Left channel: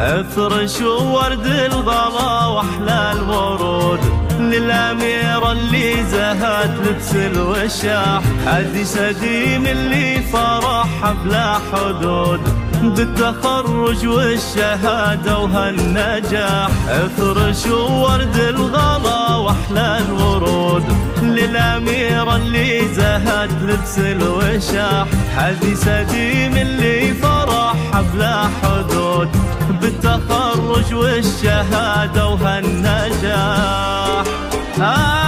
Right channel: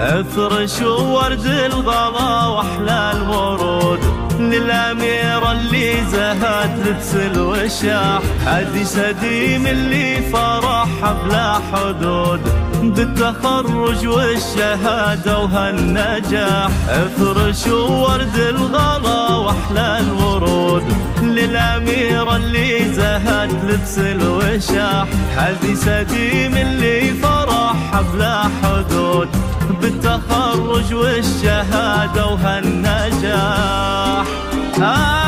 افرش ورد الغلا واحلى الورود للأميرة اللي زهت لبس الوشاح، هدي سديم اللي فرحها بلا حدود بالتخرج والشهادة وهالنجاح. افرش ورد الغلا واحلى الورود للأميرة اللي زهت لبس الوشاح، هدي سديم اللي فرحها بلا حدود بالتخرج والشهادة وهالنجاح.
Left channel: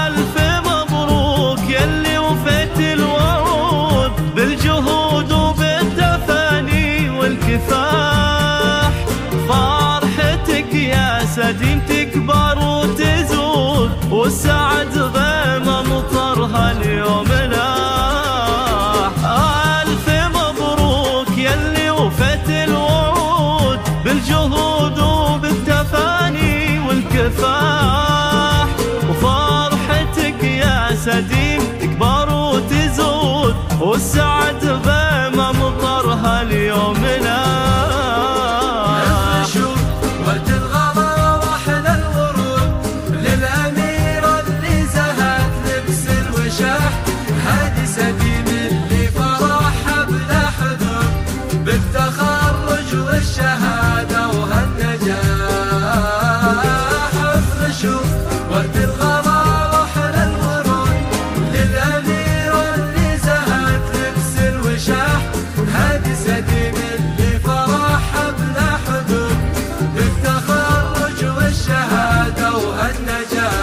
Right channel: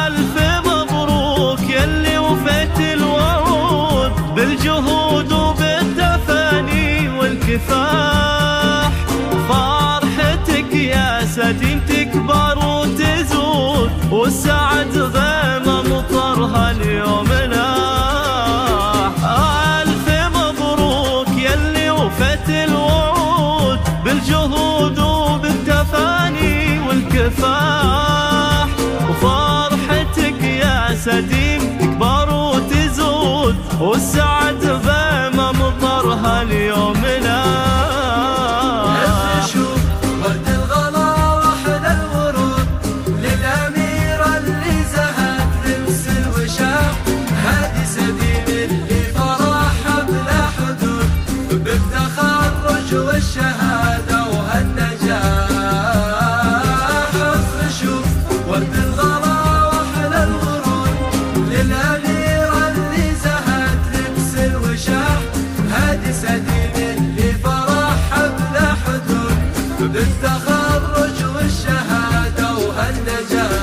ألف مبروك يلي وفيت الوعود بالجهود وبالتفاني والكفاح، فرحتك يا سديم تكبر وتزود والسعد غيم مطرها اليوم لاح. ألف مبروك يلي وفيت الوعود بالجهود وبالتفاني والكفاح، وفرحتك يا سديم تكبر وتزود والسعد غيمة مطرها اليوم لاح. ورد الغلا واحلى الورود للأميرة اللي زهت لبس الوشاح، هادي سديم اللي فرحها بلا حدود بالتخرج والشهادة وهالنجاح. افرشوا ورد الغلا واحلى الورود للأميرة اللي زهت لبس الوشاح، هادي سديم اللي فرحها بلا حدود بالتخرج والشهادة وهالنجاح.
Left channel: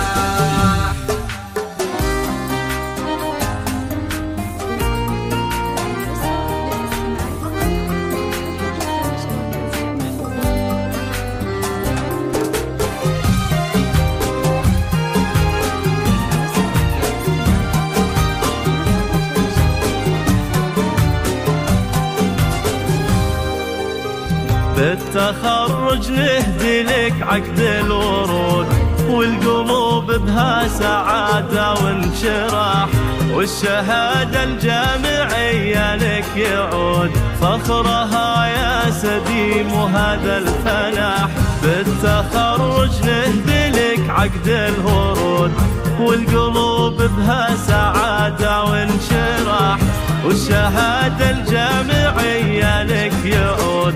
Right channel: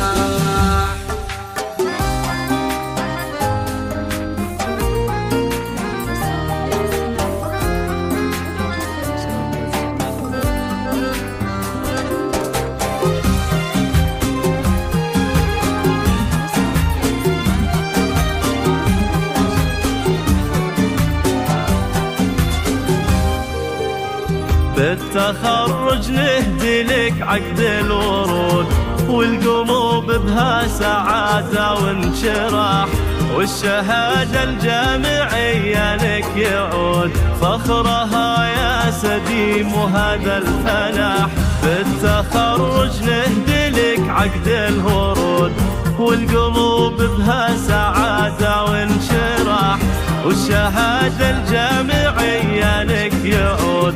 بالتخرج نهدي لك عقد الورود والقلوب بها سعادة وانشراح، والشهادة الجامعية لك يعود فخرها يا سديم وهذا الفلاح. بالتخرج نهدي لك عقد الورود والقلوب بها سعادة وانشراح، والشهادة الجامعية لك يعود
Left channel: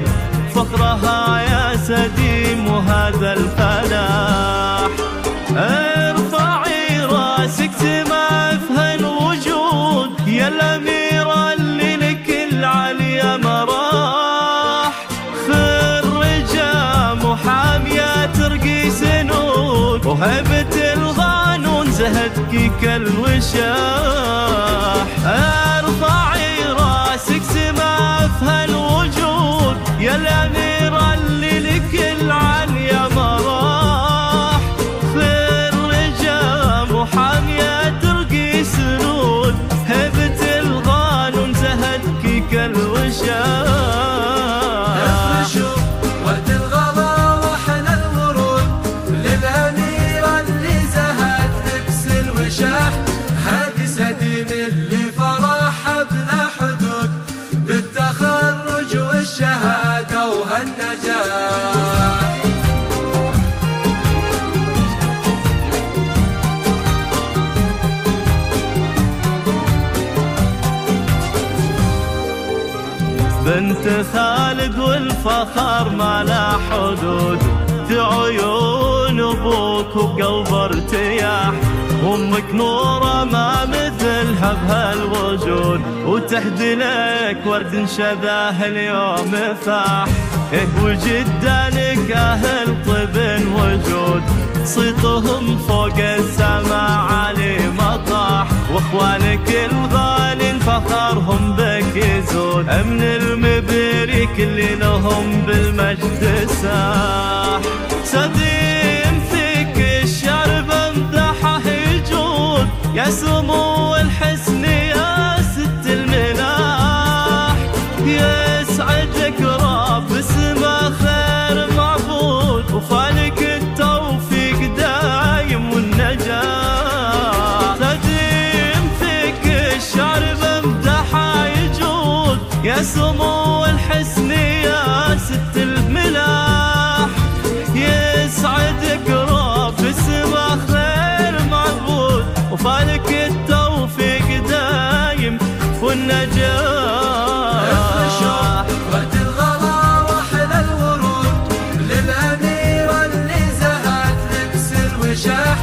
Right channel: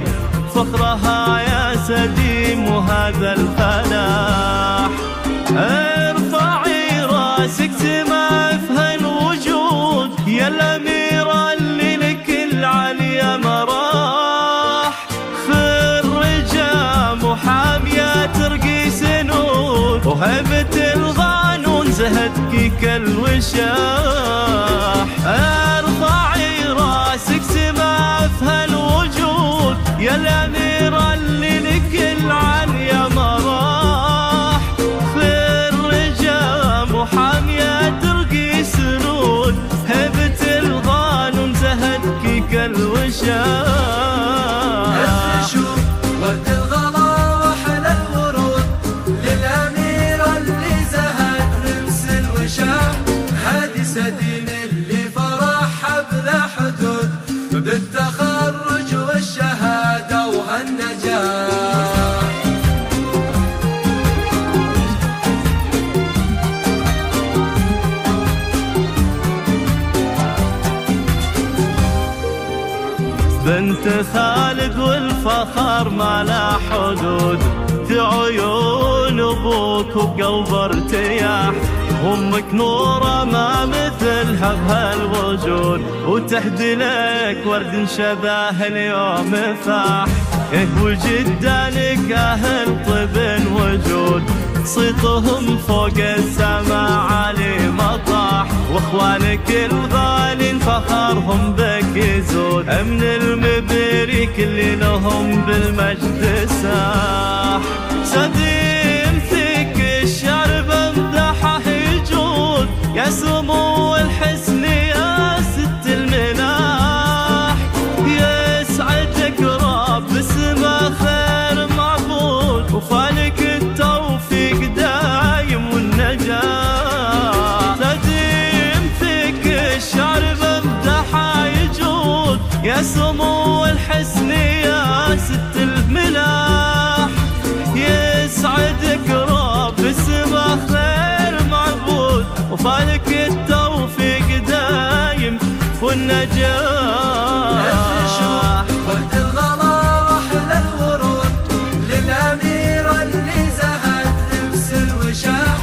فخرها يا سديم وهذا الفلاح. ارفعي راسك سما في هالوجود يا الأميرة اللي لك العليا مراح، خرجة محامية ترقي سنود وهبة القانون زهدك كالوشاح. ارفعي راسك سما في هالوجود يا الأميرة اللي لك العليا مراح، خرجة محامية ترقي سنود هبة القانون زهدك كالوشاح. ورد الغلا واحلى الورود للأميرة اللي زهت لبس الوشاح، هادي سديم اللي فرحها بلا حدود بالتخرج والشهادة وهالنجاح. بنت خالد والفخر ما لا حدود، في عيون ابوك وبقلب ارتياح، امك نوره ما مثلها بهالوجود وتهدي لك ورد شذاه اليوم فاح. وجدانك اهل طب وجود صيتهم فوق السماء عالي مطاح، واخوانك الغالين فخرهم بك يزود من المبريك اللي لهم بالمجد ساح. سديم فيك الشرب امدحه يجود يا سمو الحسن يا ست الملاح، يسعدك رب اسمه خير معبود وفالك التوفيق دايم سمو الحسن يا ست الملاح، يسعدك رب السما خير معبود، وفالك التوفيق دايم والنجاح. وقت الغلا واحلى الورود للأميرة اللي زهت لبس الوشاح،